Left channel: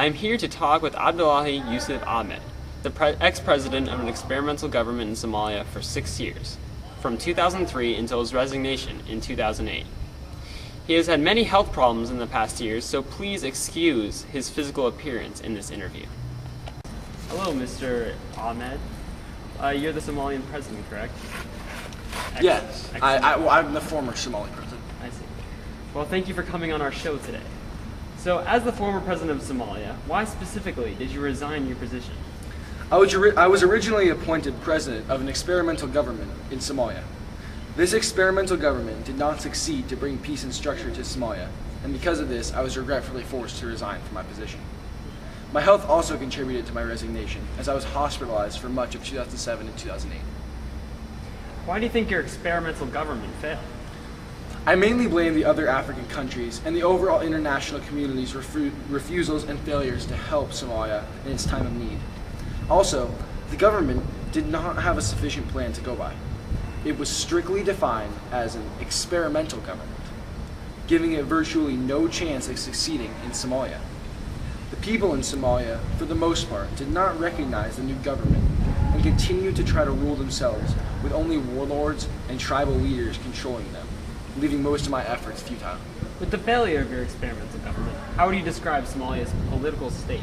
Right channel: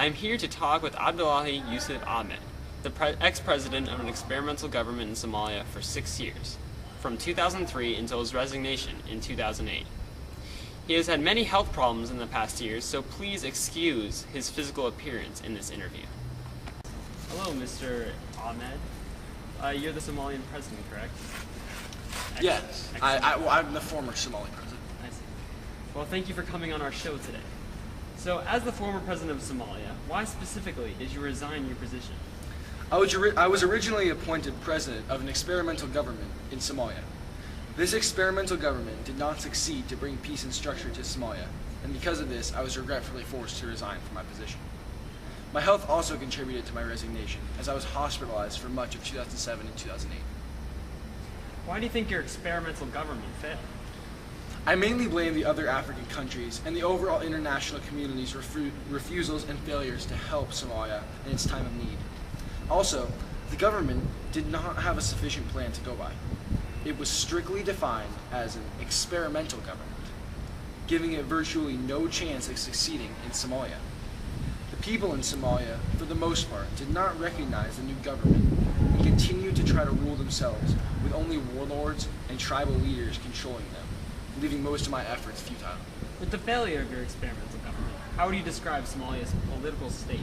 I am here to talk with Abdullahi Yusuf Ahmed, the ex-president of an experimental government in Somalia for 6 years, from 2003 until his resignation in 2008. He has had many health problems in the past years, so please excuse his physical appearance in this interview. Hello, Mr. Ahmed. You're the Somalian president, correct? Yes, I'm the former Somali president. I see. Well, thank you for coming on our show today. So, as the former president of Somalia, why specifically did you resign your position? I was originally appointed president of an experimental government in Somalia. This experimental government did not succeed to bring peace and structure to Somalia, and because of this, I was regretfully forced to resign from my position. My health also contributed to my resignation, as I was hospitalized for much of 2007 and 2008. Why do you think your experimental government failed? I mainly blame the other African countries and the overall international community's refusals and failures to help Somalia in its time of need. Also, the government did not have a sufficient plan to go by. It was strictly defined as an experimental government, giving it virtually no chance of succeeding in Somalia. The people in Somalia, for the most part, did not recognize the new government and continued to try to rule themselves with only warlords and tribal leaders controlling them, leaving most of my efforts futile. With the failure of your experimental government, how would you describe Somalia's political state?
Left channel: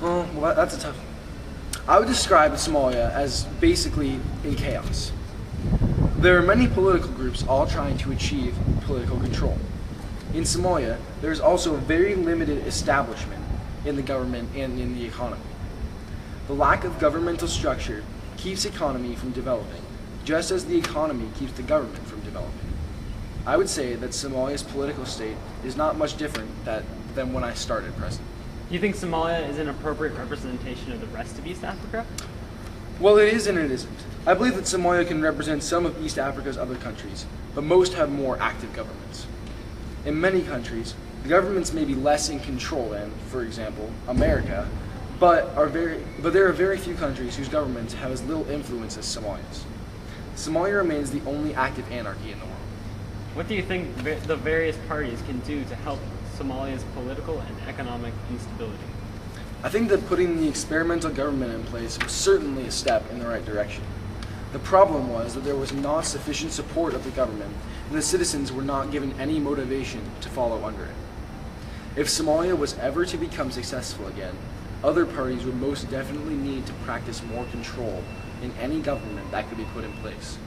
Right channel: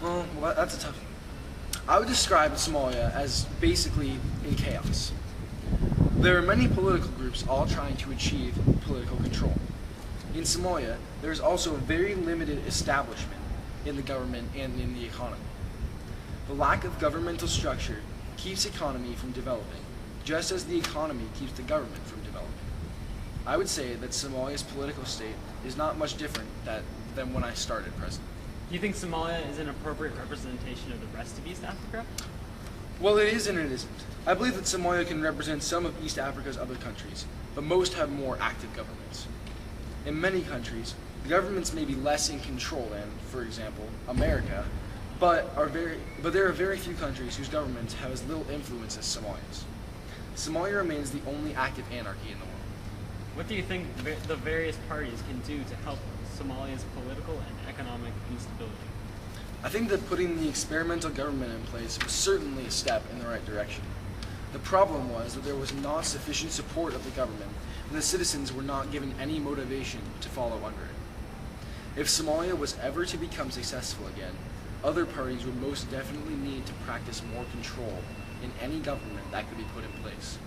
Well, that's a tough one. I would describe Somalia as basically in chaos. There are many political groups all trying to achieve political control. In Somalia, there is also a very limited establishment in the government and in the economy. The lack of governmental structure keeps the economy from developing, just as the economy keeps the government from developing. I would say that Somalia's political state is not much different than when I started president. Do you think Somalia is an appropriate representation of the rest of East Africa? Well, it is and it isn't. I believe that Somalia can represent some of East Africa's other countries, but most have more active governments. In many countries, the governments may be less in control than, for example, America, but there are very few countries whose governments have as little influence as Somalia's. Somalia remains the only active anarchy in the world. What do you think the various parties can do to help Somalia's political and economic instability? I think that putting the experimental government in place was certainly a step in the right direction. The problem was that there was not sufficient support of the government, and the citizens were not given any motivation to follow under it. If Somalia was ever to become successful again, other parties would most definitely need to practice more control in any government that could be put in place.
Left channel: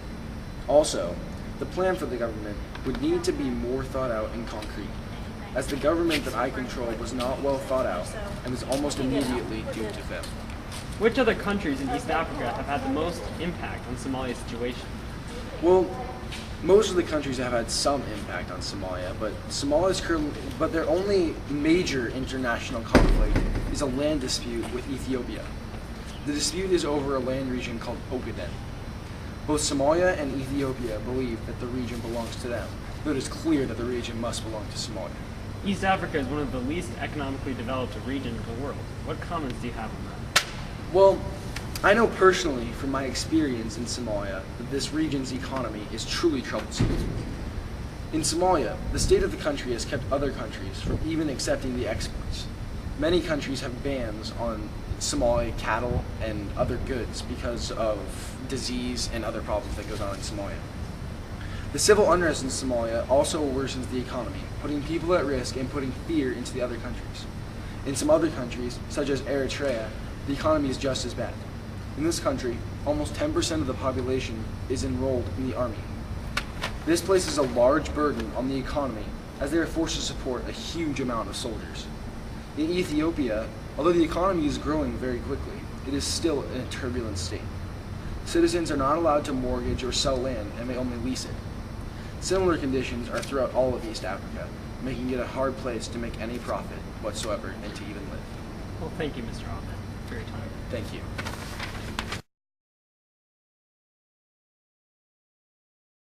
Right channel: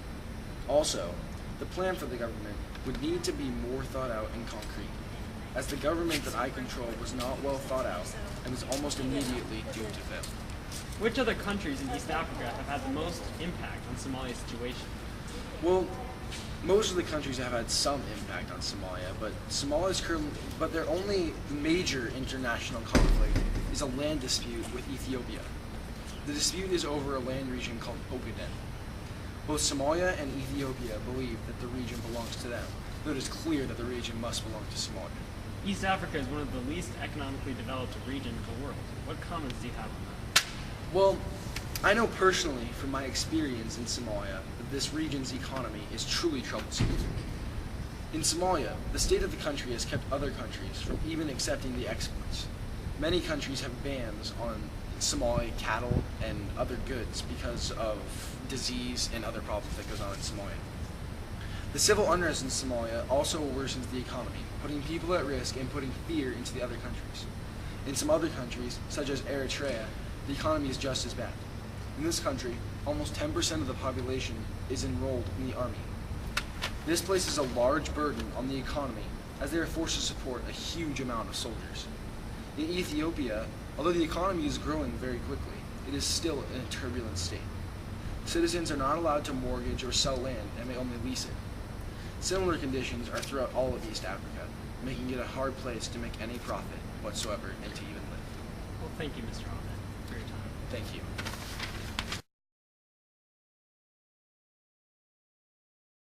Also, the plan for the government would need to be more thought out and concrete, as the government that I controlled was not well thought out and was almost immediately doomed to fail. Which other countries in East Africa have had the most impact on Somalia's situation? Well, most of the countries have had some impact on Somalia, but their only major international conflict is a land dispute with Ethiopia. The dispute is over a land region called Ogaden. Both Somalia and Ethiopia believe that the region belongs to them, though it is clear that the region must belong to Somalia. East Africa is one of the least economically developed regions of the world. What comments do you have on that? Well, I know personally from my experience in Somalia that this region's economy is truly troublesome. In Somalia, the state of the country has kept other countries from even accepting the exports. Many countries have bans on Somali cattle and other goods because of disease and other problems that goes on in Somalia. The civil unrest in Somalia also worsens the economy, putting people at risk and putting fear into the other countries. In some other countries, such as Eritrea, the economy is just as bad. In this country, almost 10% of the population is enrolled in the army. This places a large burden on the economy as they are forced to support a huge amount of soldiers. In Ethiopia, although the economy is growing very quickly, it is still in a turbulent state. Citizens are not allowed to mortgage or sell land and may only lease it. Similar conditions are throughout all of East Africa, making it a hard place to make any profit whatsoever and to even live. Well, thank you, Mr. Ahmed, for your time. Thank you.